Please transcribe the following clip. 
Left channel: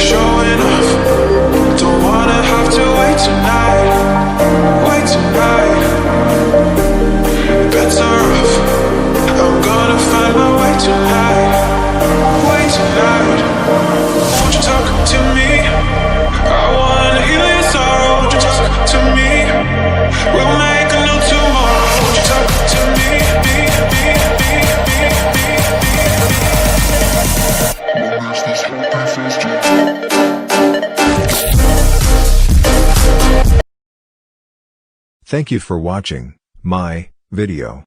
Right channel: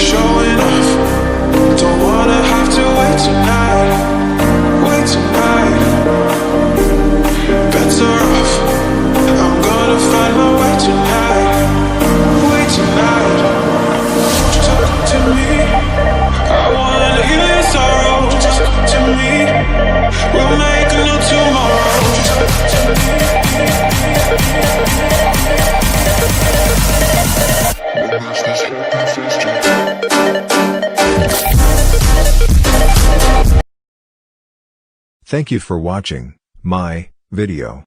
Showing off, don't wanna have to wait tonight. Better off, I'm gonna find my way tonight. Won't you talk to me? I wanna heal your sorrow. Won't you talk to me? We'll make a new tomorrow. Won't you talk to me? Thank you for watching my video.